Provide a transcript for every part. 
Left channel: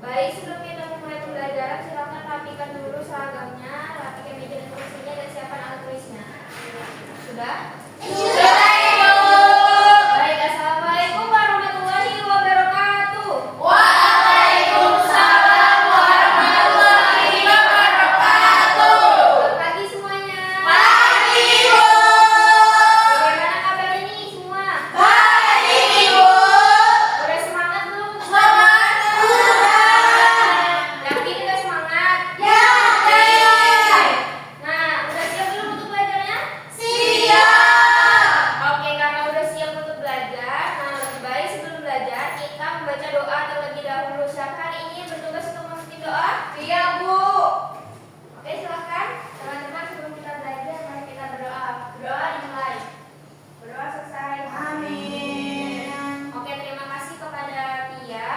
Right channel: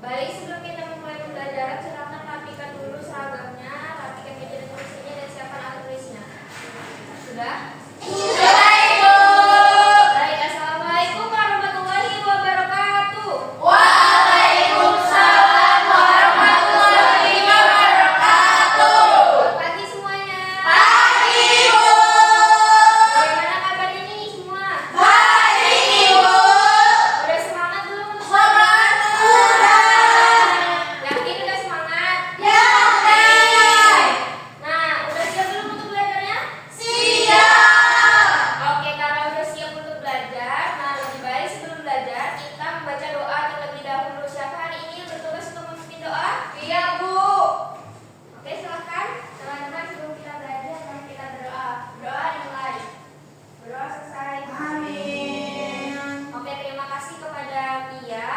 Baik, sebelum kita memulai pembelajaran, silakan rapikan dulu seragamnya, rapikan meja dan kursinya, dan siapkan alat tulisnya. Sudah? Sudah, Ibu. Baik, assalamualaikum warahmatullahi wabarakatuh. Waalaikumsalam warahmatullahi wabarakatuh. Selamat pagi semuanya. Pagi, Ibu. Bagaimana kabarnya nih semua? Baik, Ibu. Udah semangat belum? Semangat sudah. Yakin udah semangat? Yakin. Nah, udah siap belum untuk belajarnya? Siap. Oke, karena udah siap untuk belajar, nah lebih baik sebelum belajar kita membaca doa terlebih dahulu. Siapa hari ini bertugas untuk masukin doa? Iya, Bu. Oke, silahkan teman-teman sebelum kita belajar, mari kita berdoa. Doa dimulai. Berdoa selesai. Amin. Oke, terima kasih kepada Tia.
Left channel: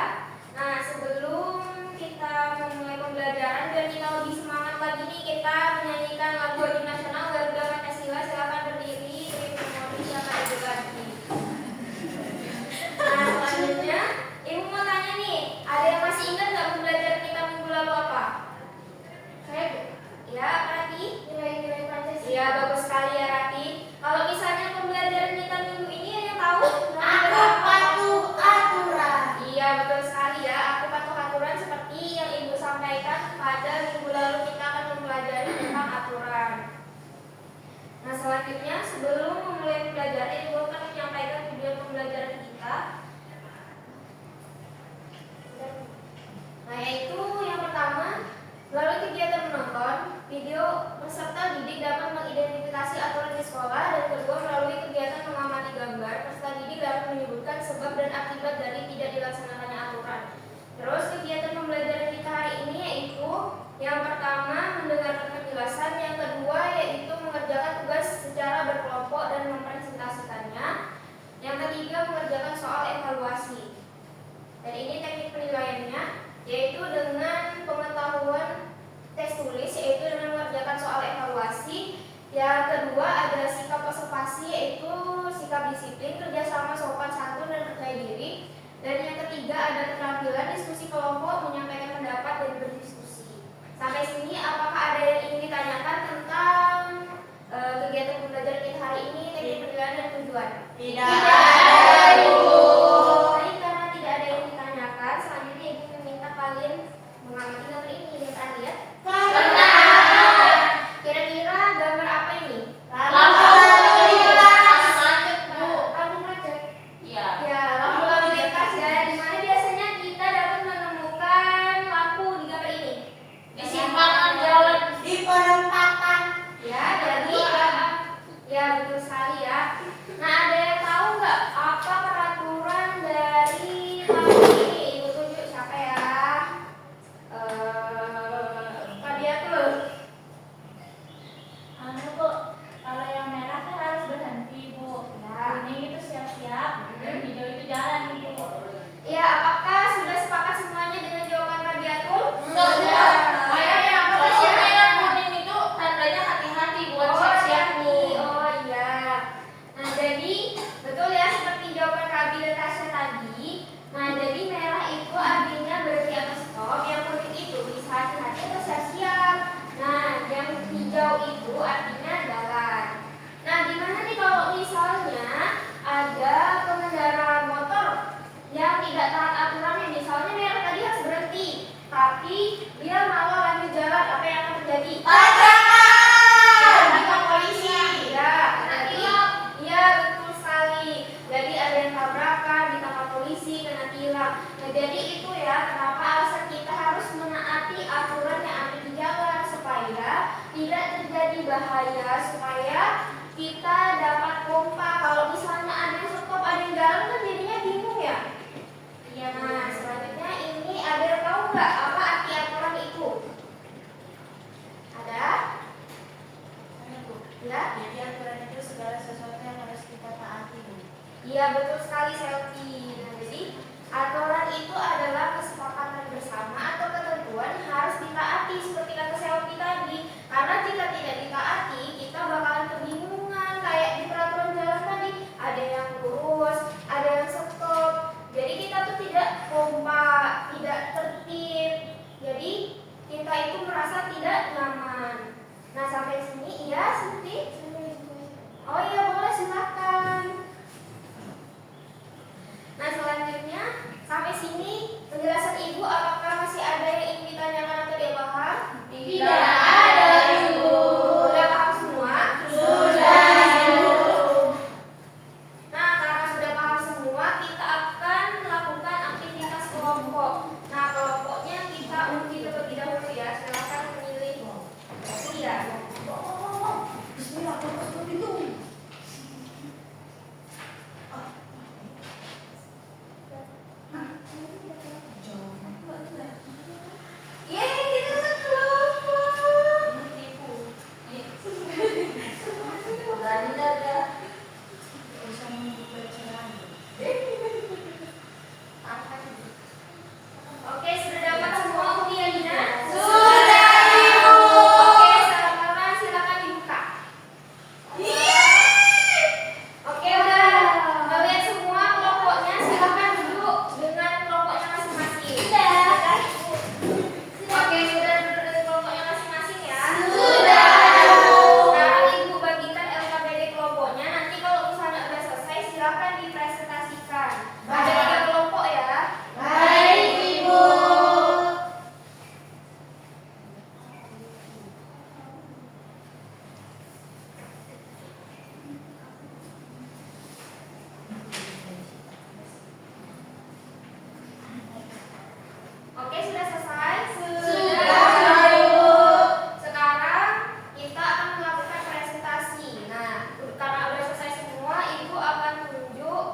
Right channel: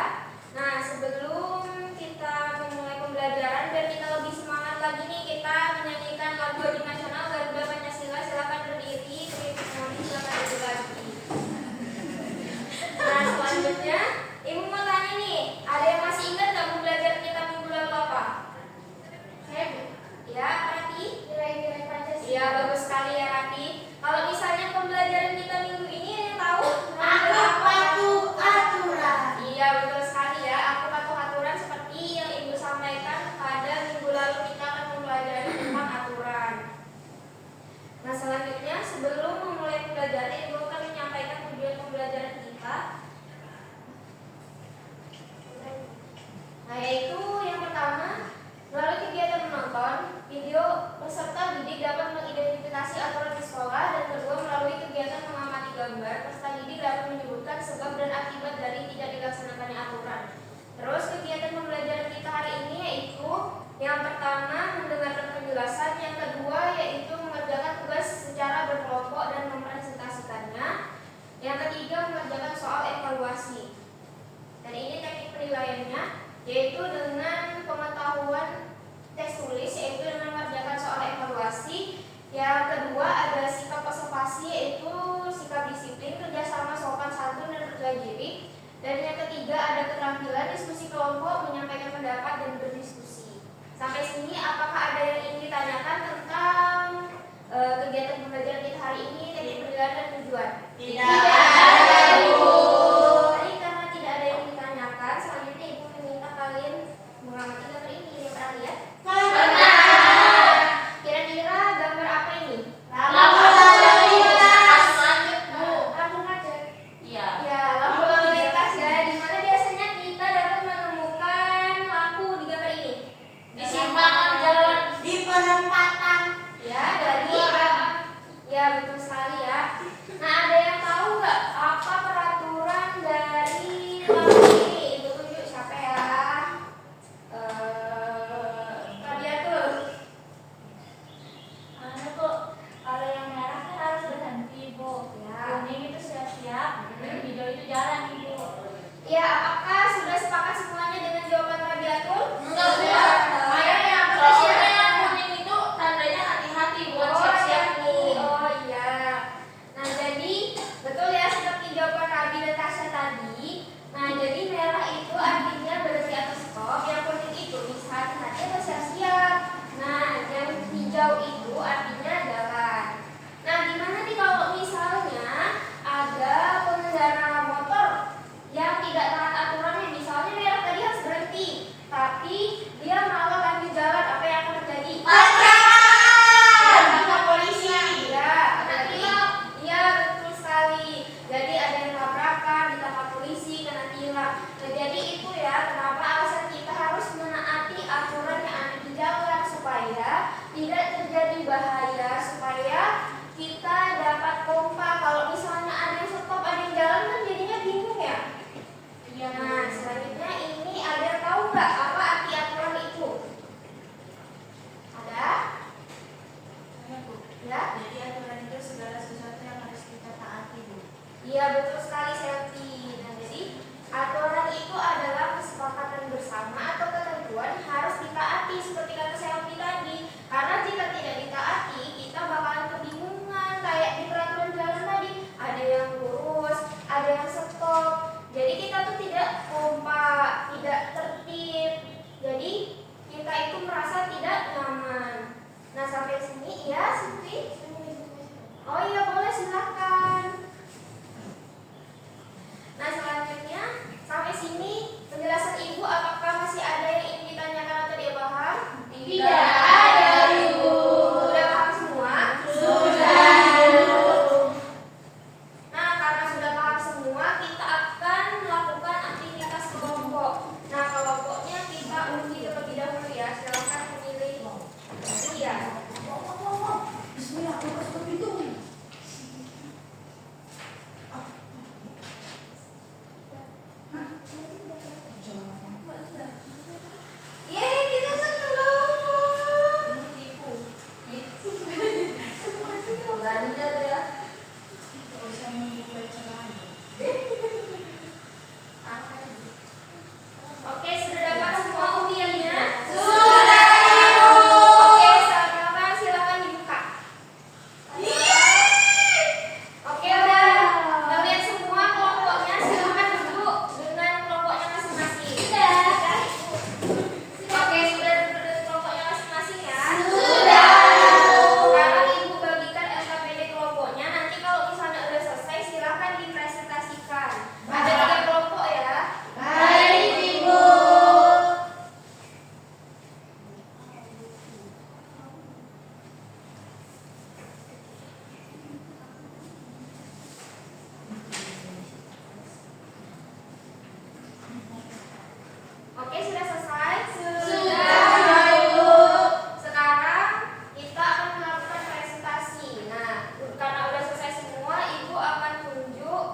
Nah, sebelum kita memulai pembelajaran dan kita lebih semangat lagi nih, kita menyanyikan lagu wajib nasional Garuda Pancasila. Silakan berdiri, silakan duduk lagi. Nah, selanjutnya Ibu mau tanya nih, ada yang masih ingat nggak pembelajaran kita minggu lalu apa? Saya Bu. Ya, Rati? Nilai-nilai Pancasila. Iya, bagus sekali ya Rati. Kalau misalnya pembelajaran kita minggu ini ada yang tahu? Aku patuh aturan. Iya, betul sekali ya. Aku patuh aturan seperti yang Ibu sampaikan pada minggu lalu kita akan mempelajari tentang aturan. Nah, selanjutnya sebelum memulai pembelajaran, Ibu akan menyampaikan tujuan pembelajaran kita. Nah, yaitu yang pertama, melalui kegiatan menonton video, peserta didik dapat mengidentifikasi aturan di sekolah, dan kedua, melalui kegiatan mengamati gambar, peserta didik dapat menyebutkan sebab dan akibat dari tidak dilaksanakannya aturan. Terus kegiatan pembelajaran kita hari ini yaitu yang pertama mendengarkan penjelasan, yang kedua yaitu mengerjakan tugas secara berkelompok dan mempresentasikannya, yang ketiga mengerjakan soal evaluasi. Dan ini teknik penilaiannya yaitu dengan pengetahuan tes tulis, yaitu dengan mengerjakan soal evaluasi. Yang kedua ada sikap observasi, yaitu sikap disiplin, kerjasama, sopan santun, dan percaya diri. Dan yang ketiga ada keterampilan diskusi kelompok, menyampaikan pendapat dan berdiskusi. Sampai sini apakah ada yang ingin ditanyakan tentang kegiatan pembelajaran kita hari ini, teknik penilaian dan tujuan? Tidak ada, Ibu. Baik, karena tidak ada yang ditanyakan, selanjutnya Ibu meminta kalian mengamati gambar ini. Yang pernah lihat? Pernah. Kira-kira gambar apa ini? Lampu lalu lintas. Bu, lampu macet. Iya. Ya, lampu lalu lintas ya. Di mana biasanya kita dapat menemukan lampu di gambar ini? Di simpangan jalan. Di perempatan. Ya, dari ya betul sekali ya. Nah, ada yang tahu nggak Oke, sudah selesai? Sudah. Sekarang kita akan melakukan presentasi. Nah, karena udah selesai semua, Ibu akan tunjuk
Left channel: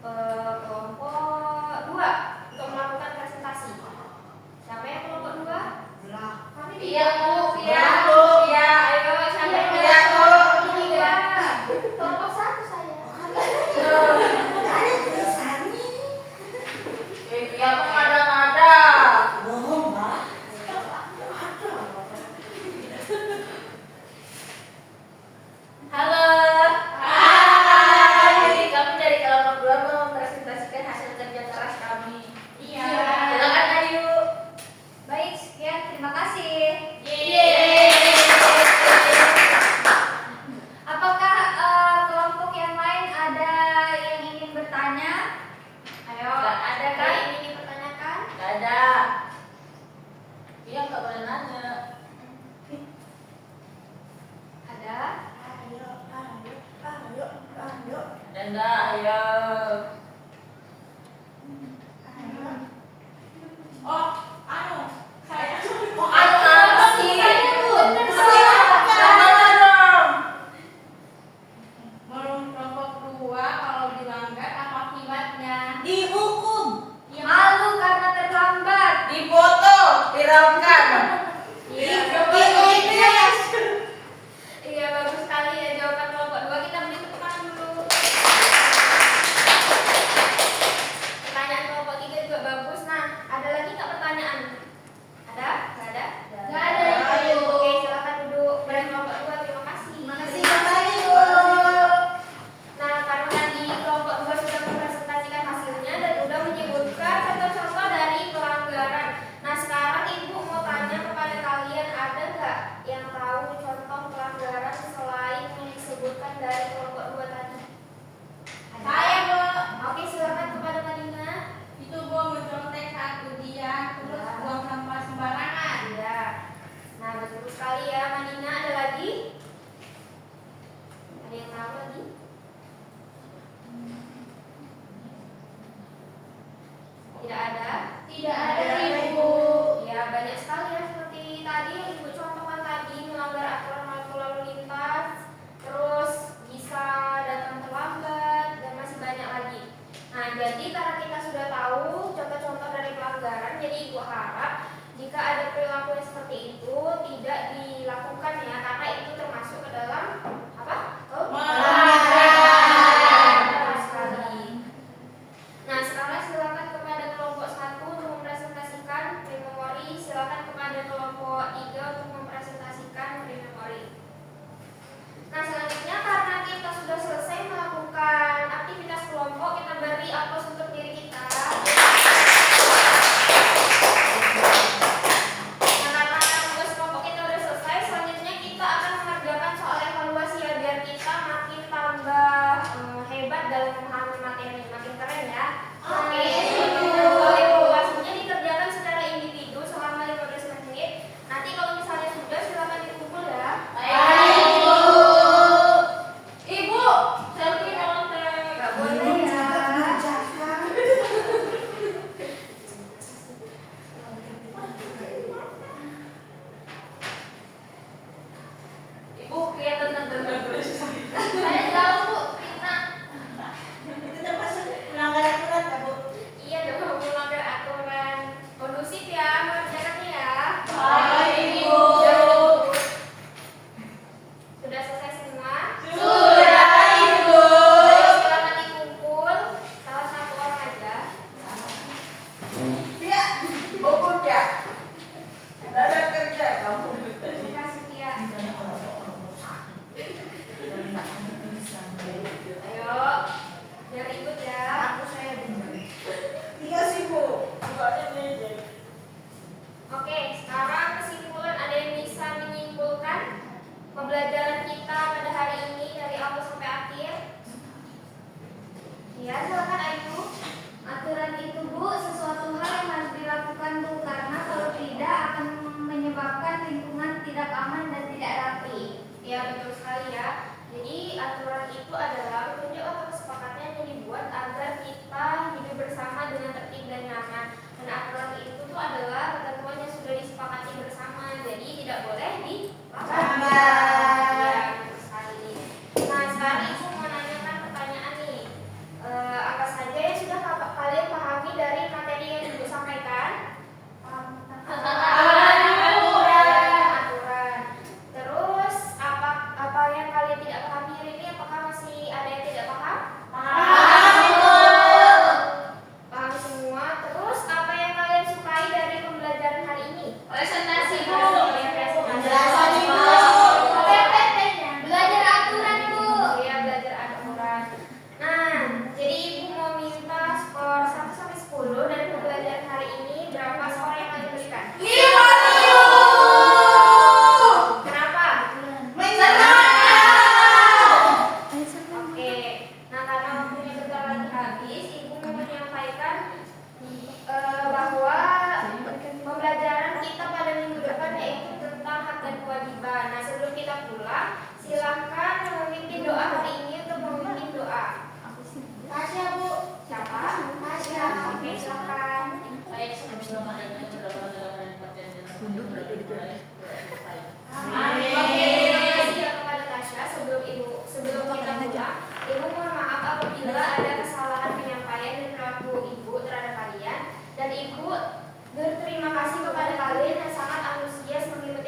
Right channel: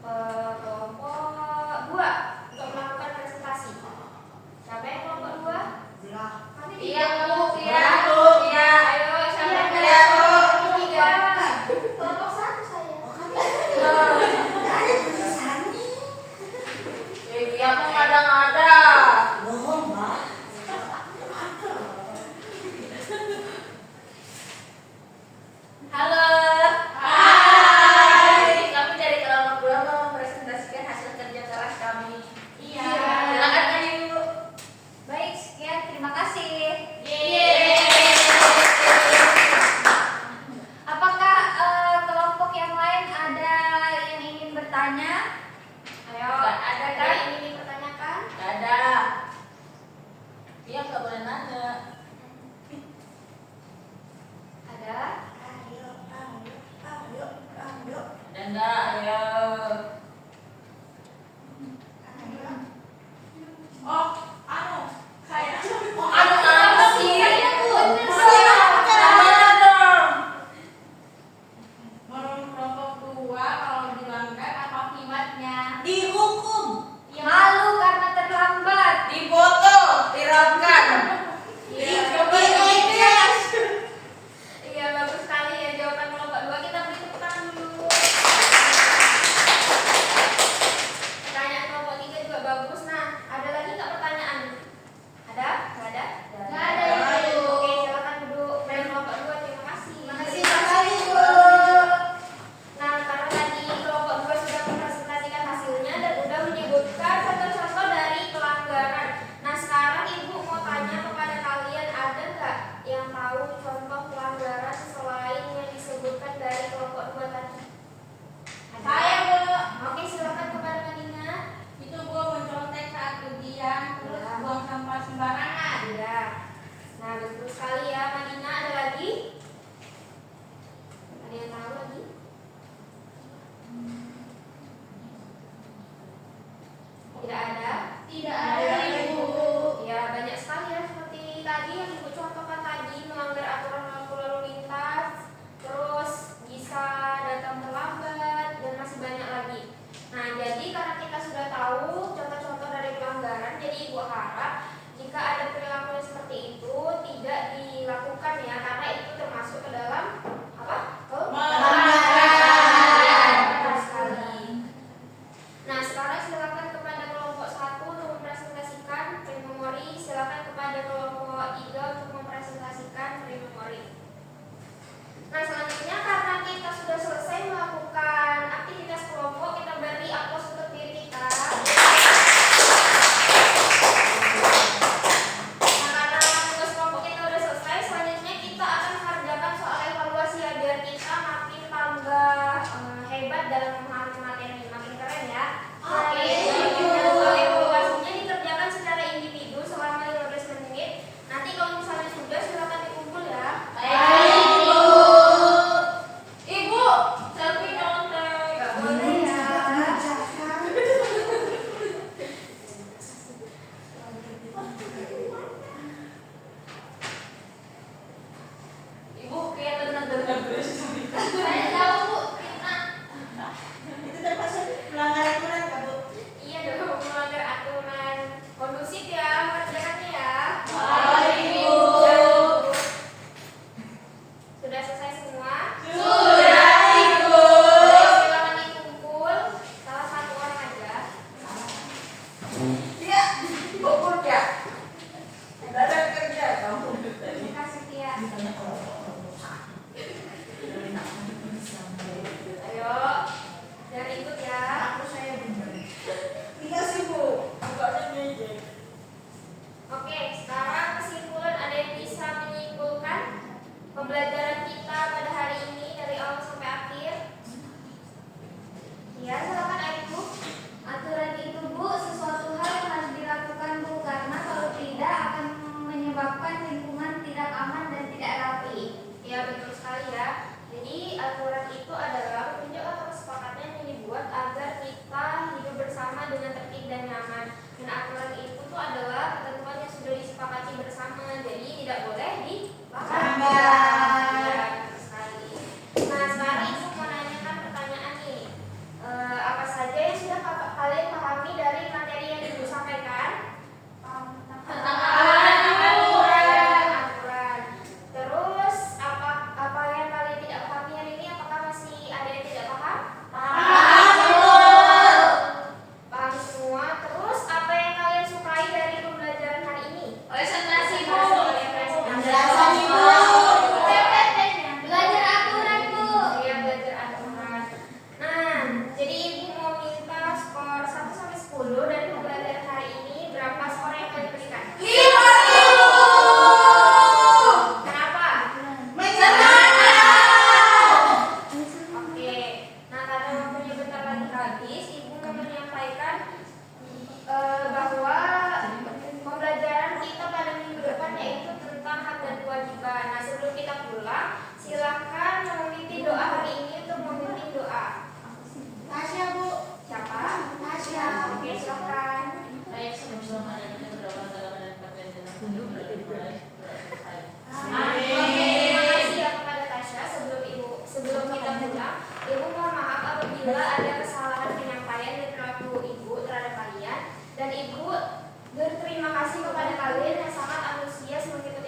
kelompok 2 untuk melakukan presentasi. Siapa yang kelompok 2? Kami Iya, Bu. Iya. Iya. Ayo, siapa yang Iya, Bu. kelompok 3? Kelompok 1 saya. Dia mah ngada-ngada. Halo. Hai. Kami dari kelompok 2 mau mempresentasikan hasil kerja keras kami. Iya. Silakan Ayu. Baik, sekian. Terima kasih. Apakah kelompok yang lain ada yang ingin bertanya? Ayo, Nggak ada, ada kan? yang ingin dipertanyakan? Gak ada. Iya nggak boleh nanya. Ada? Denda, ayo. Anu apa sih? Mana dong? Menurut kelompok 2 kalau dilanggar apa akibatnya? Dihukum, Malu karena terlambat. dipoto, viral. Iya, iya, bagus sekali ya jawaban kelompok 2. Kita beri tepuk tangan dulu. Pertanyaan kelompok 3 juga bagus. Nah, ada lagi nggak pertanyaan? Ada? Nggak ada? Nggak ada, Ibu. Oke, silakan duduk. Pada kelompok 2, terima kasih. Makasih, Ibu. Nah, karena tadi kelompok 2 sudah mempresentasikan hasilnya dan sudah menyebutkan contoh-contoh dari pelanggaran. Nah, sekarang Ibu mau tanya kepada kalian, ada nggak yang tahu contoh pelanggaran selain yang disebutkan dari kelompok 2 tadi? Ada? Saya, Bu. Oke, silakan kepada Madina. Itu Bu mencontek saat ujian terus Ya. buang sampah sembarangan. Iya. Nah, betul sekali ya, Madina. Ada lagi? Ada yang tahu lagi? Tidak ada? Tidak ada, Ibu. Ya, banyak sekali ya, seperti tadi yang Ibu contohkan tadi, melanggar aturan lalu lintas, terus bisa datang terlambat, dan masih banyak lagi. Nah, jadi karena kita sudah tahu contoh-contoh dari pelanggaran, jadi Ibu harap jika ada perilaku yang seperti itu tidak dilakukan ya, karena itu termasuk ke dalam apa? Pelanggaran. Betul sekali. Nah, sekarang silakan kepada kelompok 1 untuk mempresentasikan pre-memori. Silakan kepada kelompok 3 untuk mempresentasikan pre-memori. Nah, selanjutnya karena kita sudah selesai melakukan aktivitas kelompok, kita beri aplaus untuk diri kita. Nah, karena tugas kelompok kita sudah selesai, selanjutnya Berterima kasih kepada kalian yang sangat antusias mengikuti